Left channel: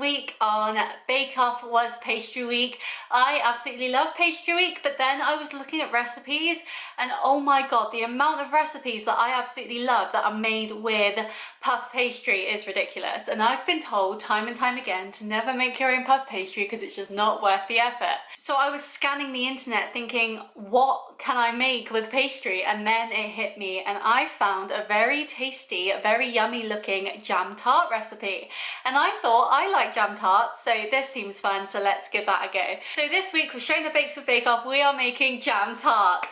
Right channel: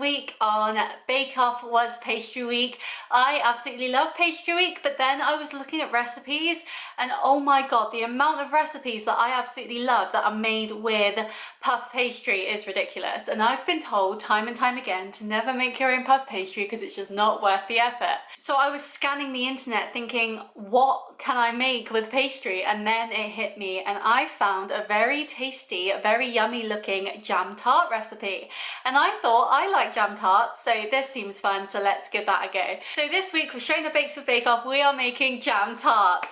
week on Bake Off was pastry week. I absolutely love pastry week, but then I was looking at recipes and oh my god, the amount of recipes that I absolutely love that are made with puff pastry is ridiculous. And I've been told time and time again to never make your own puff pastry because it's just not worth the effort. So I was scanning the internet thinking, what can I make with pastry? And then it hit me and I found a very tasty, very yummy looking jam tart recipe. And I thought I like jam tarts, so this seems fun, so let's give that a go. So this week with Shona Bakes with Bake Off, we are making jam tarts.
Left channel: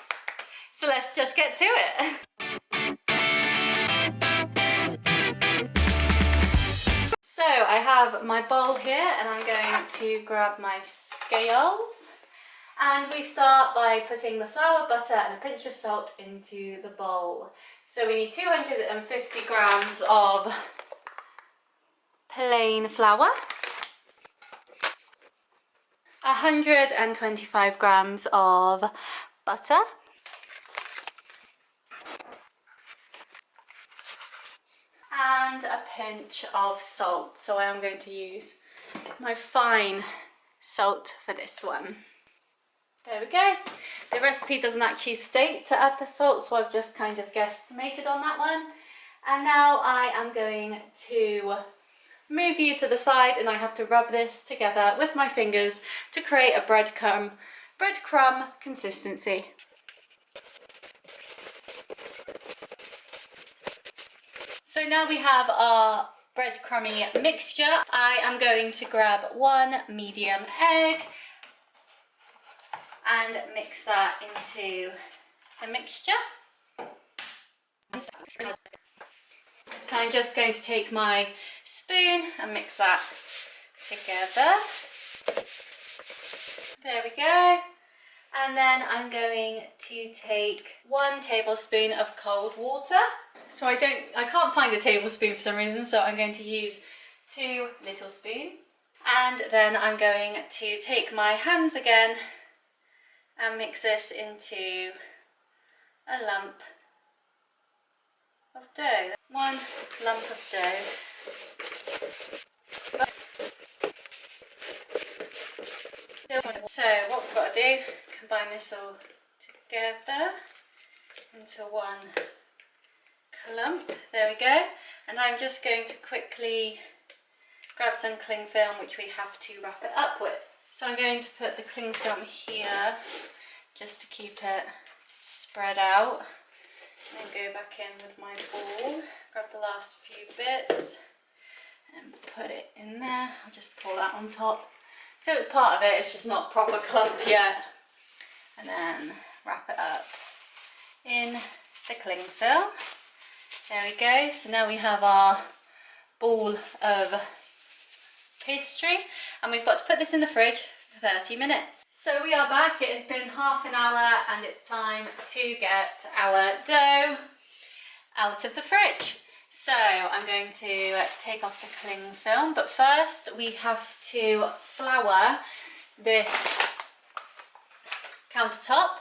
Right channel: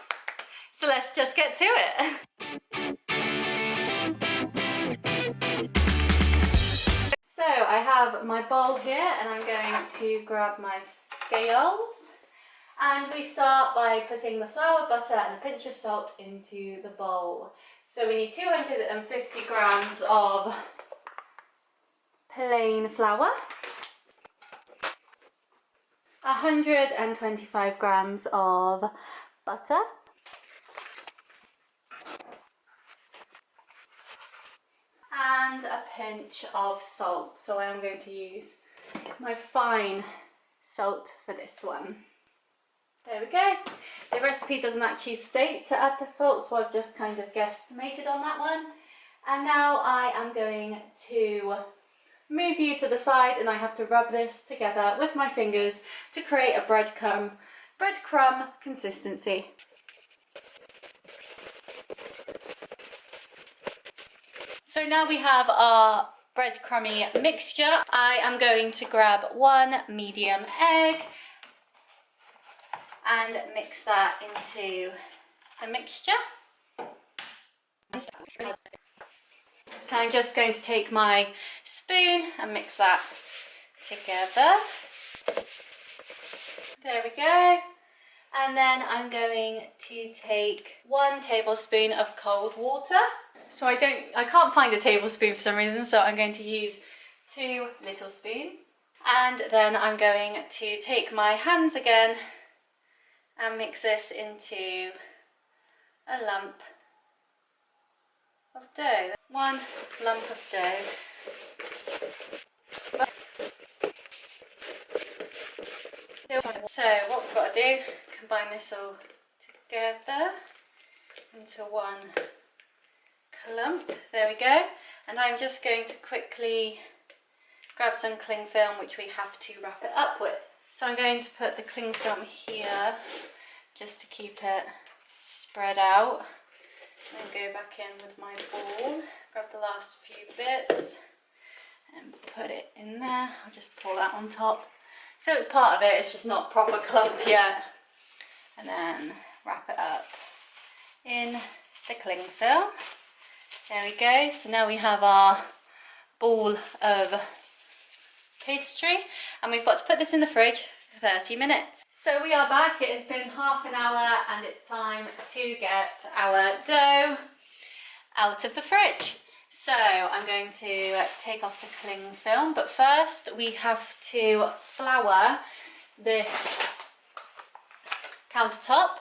So let's just get to it. So I have my bowl here and I'm going to grab my scales. And we start by putting the flour, butter and a pinch of salt into the bowl. So we need 250 grams of plain flour, 125 grams of butter, and a pinch of salt. So I am going to use my fine salt for this one. There we go. The recipe doesn't actually state to add the salt, so I've just kind of guesstimated on that one. And now I am going to move you to the side and I have to rub this together with my fingers to create a breadcrumb consistency. So now we have our breadcrumby mixture. I am going to grab one medium egg and mix that into the mixture. So I'm just going to take my spoon and mix that together. There we go. And then I'm going to take 1 tablespoon of cold water. So I can't find a tablespoon for some reason, so I'm going to use 2 little spoons. And then I'm going to take my hands again and mix this into a lump of dough. 1 lump of dough. So what we've got to do, combine this all together into 1 clump. There we go. And I'm just going to quickly grab some cling film, which we have to wrap it up with. So I'm going to put the cling film here just to keep it spread out. And go back in with my ball, grab the last few bits and put it in there. I'll just pull that on top. So it's part of it, it's just not proper clumped yet. And then wrap it up in the cling film. There we go. So now we have our ball of pastry and we've got to put this in the fridge for 30 minutes. So we are back, it has been half an hour and it's time to get our dough out of the fridge. So I'm going to take off the cling film, but first we have to flour this countertop.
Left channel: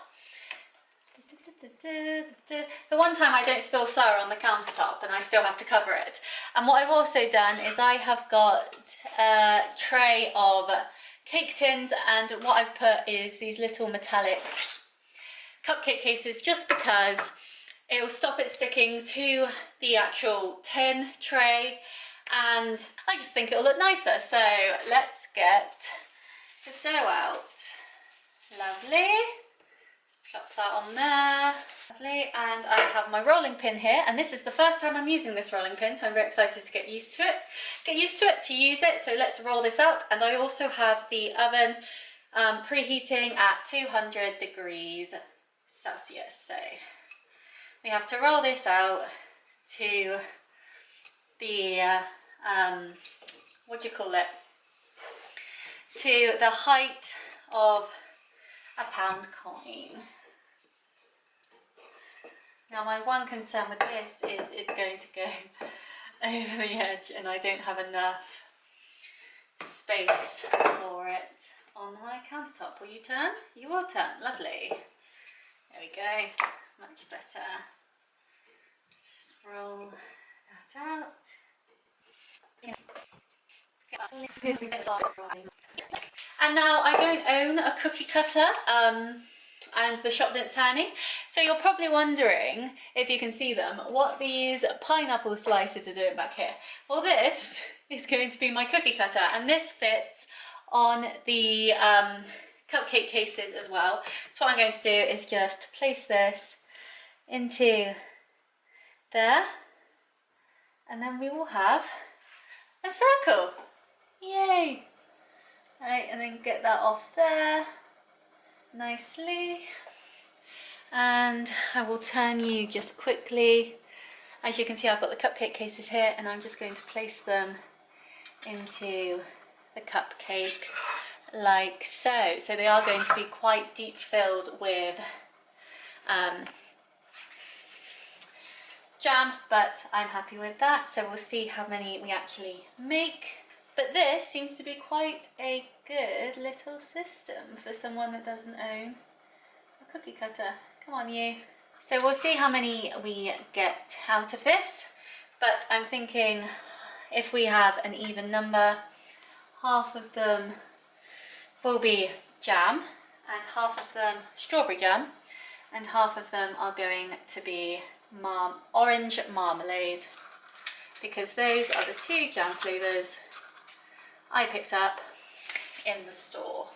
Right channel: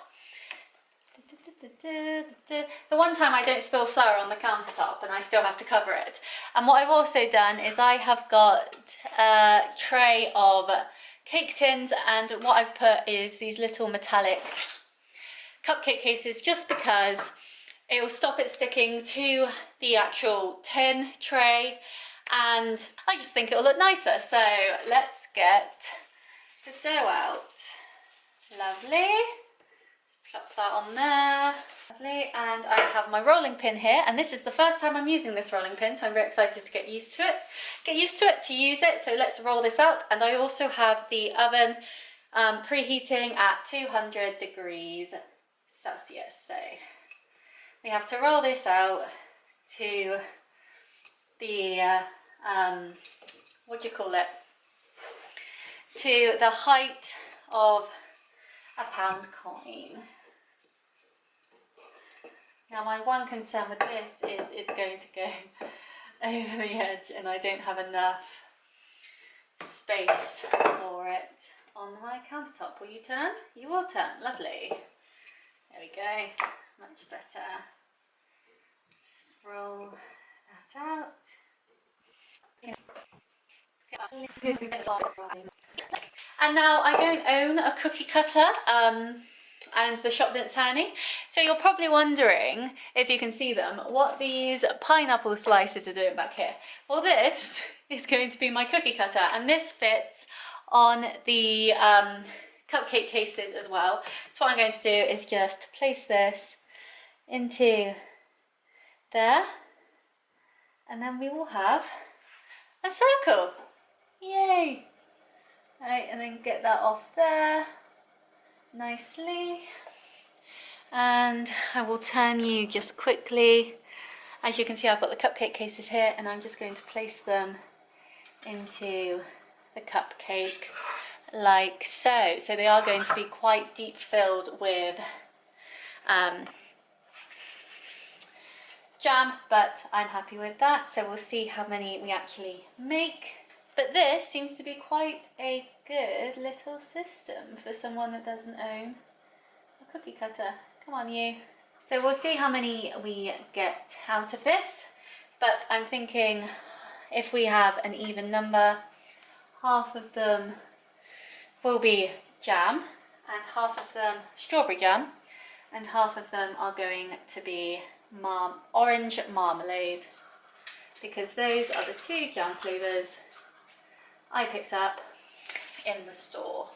The one time I don't spill flour on the countertop and I still have to cover it. And what I've also done is I have got a tray of cake tins and what I've put is these little metallic cupcake cases just because it will stop it sticking to the actual tin tray and I just think it'll look nicer. So let's get the dough out. Lovely. Plop that on there. Lovely. And I have my rolling pin here and this is the first time I'm using this rolling pin, so I'm very excited to get used to it. To use it. So let's roll this out. And I also have the oven preheating at 200 degrees Celsius. So we have to roll this out to the what do you call it? To the height of a £1 coin. Now my one concern with this is it's going to go over the edge and I don't have enough space for it on my countertop. Will you turn? You will turn. Lovely. There we go. Much better. Just roll that out. And now I don't own a cookie cutter, and the shop didn't sell any. So you're probably wondering, if you can see them, what these pineapple slices are doing back here. Well, this is going to be my cookie cutter, and this fits on the cupcake cases as well. So what I'm going to do is just place this into there, and then we will have a circle. Yay! Right, and then get that off there nicely. And I will turn you just quickly. As you can see, I've got the cupcake cases here, and I'm just going to place them into the cupcake like so. So they are going to be quite deep filled with jam, but I'm happy with that. So we'll see how many we actually make. But this seems to be quite a good little system for someone that doesn't own a cookie cutter. Come on, you. So we'll see how many we get out of this, but I'm thinking if we have an even number, half of them will be jam and half of them strawberry jam, and half of them are going to be orange marmalade, because those are the two jam flavours I picked up in the store.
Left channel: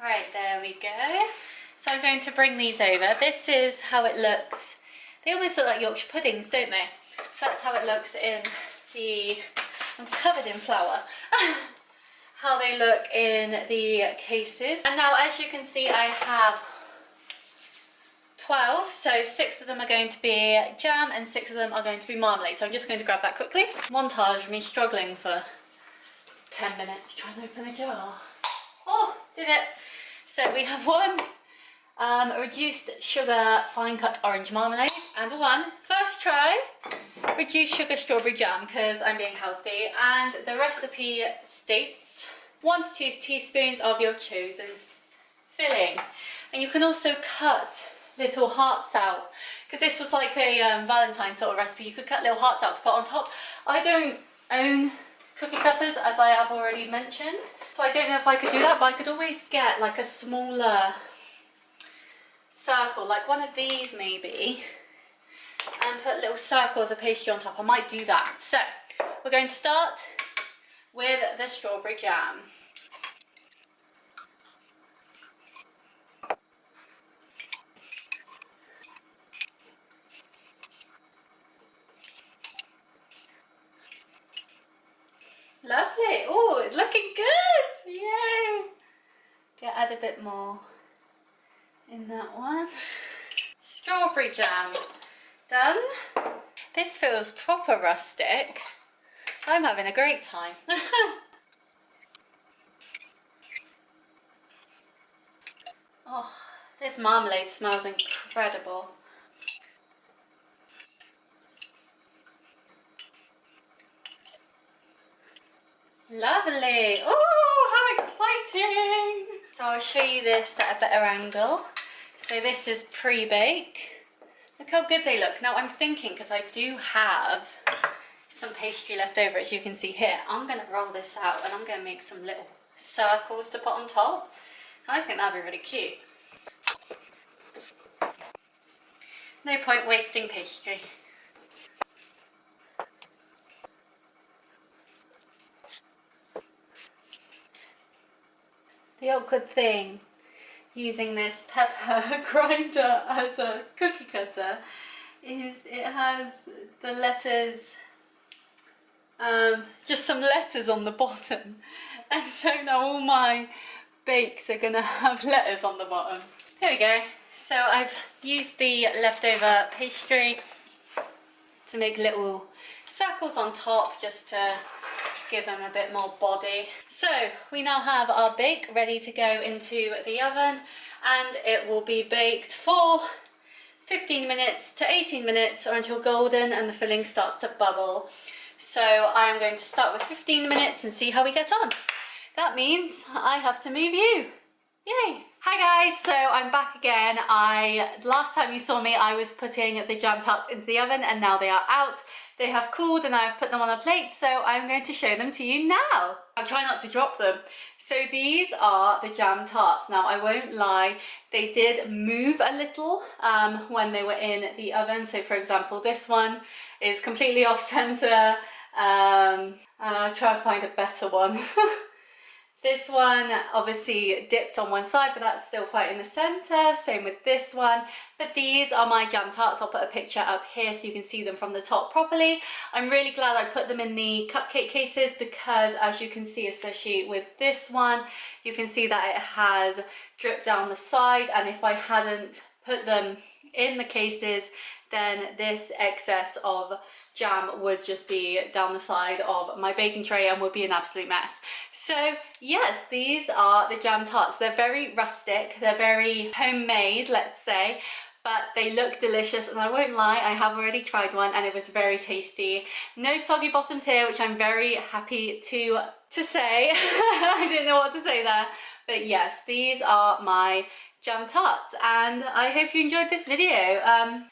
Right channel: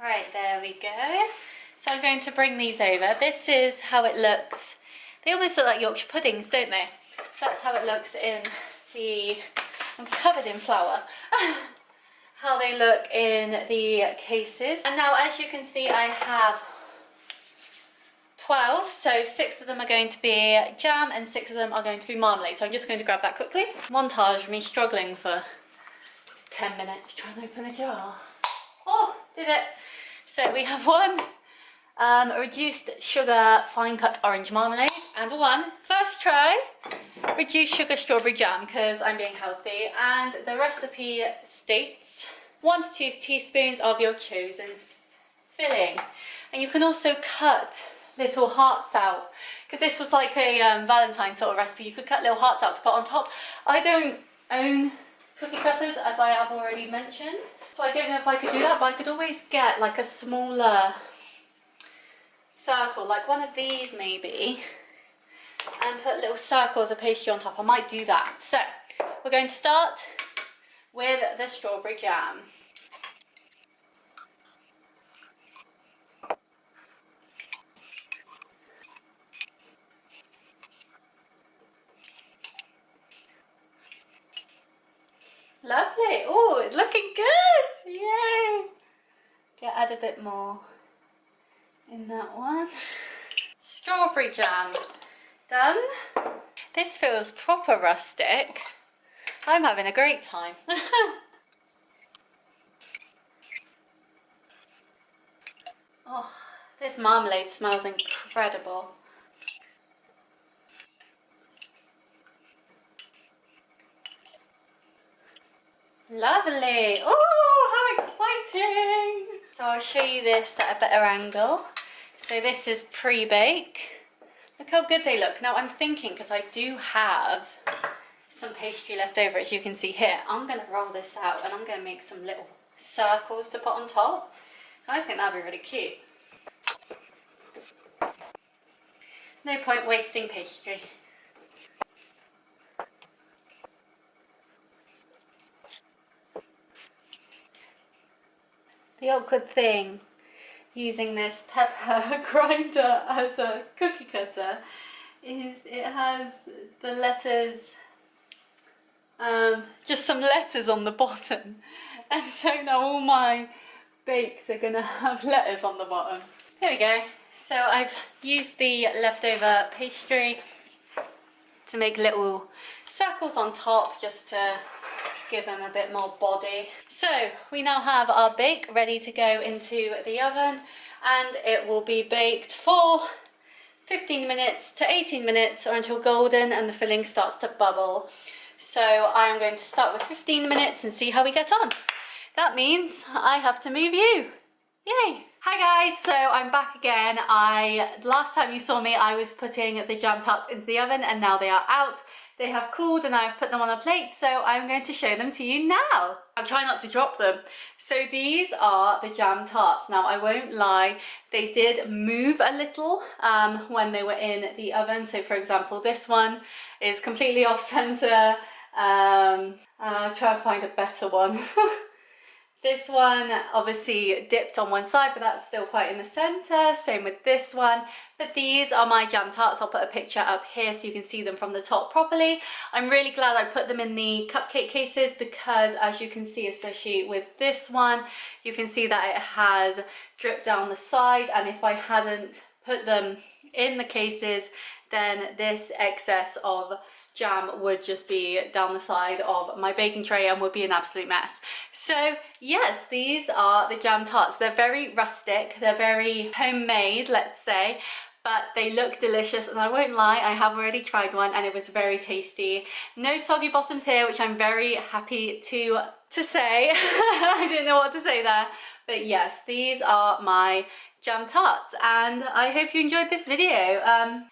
Right, there we go. So I'm going to bring these over. This is how it looks. They almost look like Yorkshire puddings, don't they? So that's how it looks in the... I'm covered in flour. How they look in the cases. And now, as you can see, I have 12, so 6 of them are going to be jam and 6 of them are going to be marmalade. So I'm just going to grab that quickly. Montage of me struggling for 10 minutes trying to open a jar. Oh, did it. So we have one reduced sugar fine cut orange marmalade, and one first try reduced sugar strawberry jam, because I'm being healthy. And the recipe states 1 to 2 teaspoons of your chosen filling. And you can also cut little hearts out, because this was like a Valentine sort of recipe. You could cut little hearts out to put on top. I don't own cookie cutters, as I have already mentioned, so I don't know if I could do that, but I could always get like a smaller circle, like one of these maybe, and put little circles of pastry on top. I might do that. So we're going to start with the strawberry jam. Lovely. Oh, it's looking good. Yay. Get add a bit more in that one. Strawberry jam done. This feels proper rustic. I'm having a great time. Oh, this marmalade smells incredible. Lovely. Oh, how exciting. So I'll show you this at a better angle. So this is pre-bake. Look how good they look. Now I'm thinking, because I do have some pastry left over, as you can see here, I'm going to roll this out and I'm going to make some little circles to put on top. I think that'd be really cute. No point wasting pastry. The awkward thing using this pepper grinder as a cookie cutter is it has the letters, just some letters on the bottom, and so now all my bakes are gonna have letters on the bottom. There we go. So I've used the leftover pastry to make little circles on top, just to give them a bit more body. So we now have our bake ready to go into the oven, and it will be baked for 15 minutes to 18 minutes, or until golden and the filling starts to bubble. So I'm going to start with 15 minutes and see how we get on. That means I have to move you. Yay! Hi guys, so I'm back again. Last time you saw me, I was putting the jam tarts into the oven and now they are out. They have cooled and I've put them on a plate, so I'm going to show them to you now. I'll try not to drop them. So these are the jam tarts. Now I won't lie, they did move a little when they were in the oven. So for example, this one is completely off center. I'll try and find a better one. This one obviously dipped on one side, but that's still quite in the center. Same with this one. But these are my jam tarts. I'll put a picture up here so you can see them from the top properly. I'm really glad I put them in the cupcake cases because, as you can see, especially with this one, you can see that it has dripped down the side. And if I hadn't put them in the cases, then this excess of jam would just be down the side of my baking tray and would be an absolute mess. So yes, these are the jam tarts. They're very rustic, they're very homemade, let's say, but they look delicious, and I won't lie, I have already tried one and it was very tasty. No soggy bottoms here, which I'm very happy to say. I didn't know what to say there, but yes, these are my jam tarts, and I hope you enjoyed this video.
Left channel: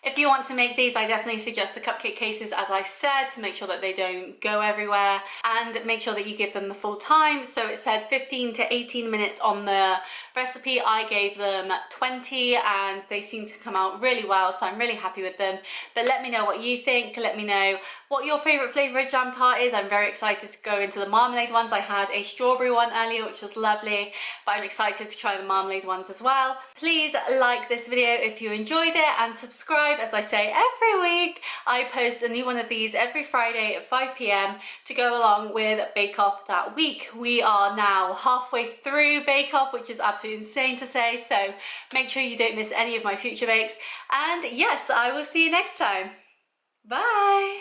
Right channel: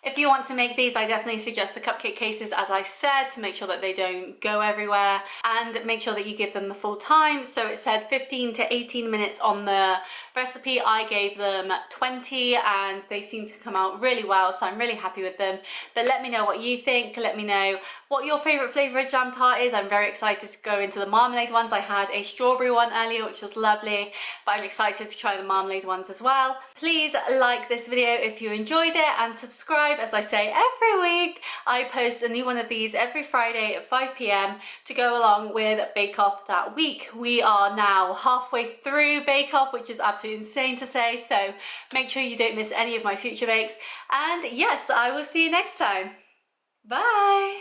If you want to make these, I definitely suggest the cupcake cases, as I said, to make sure that they don't go everywhere, and make sure that you give them the full time. So it said 15 to 18 minutes on the recipe. I gave them 20 and they seem to come out really well, so I'm really happy with them. But let me know what you think. Let me know what your favorite flavor of jam tart is. I'm very excited to go into the marmalade ones. I had a strawberry one earlier, which was lovely, but I'm excited to try the marmalade ones as well. Please like this video if you enjoyed it, and subscribe. As I say every week, I post a new one of these every Friday at 5 p.m. to go along with Bake Off that week. We are now halfway through Bake Off, which is absolutely insane to say, so make sure you don't miss any of my future bakes. And yes, I will see you next time. Bye!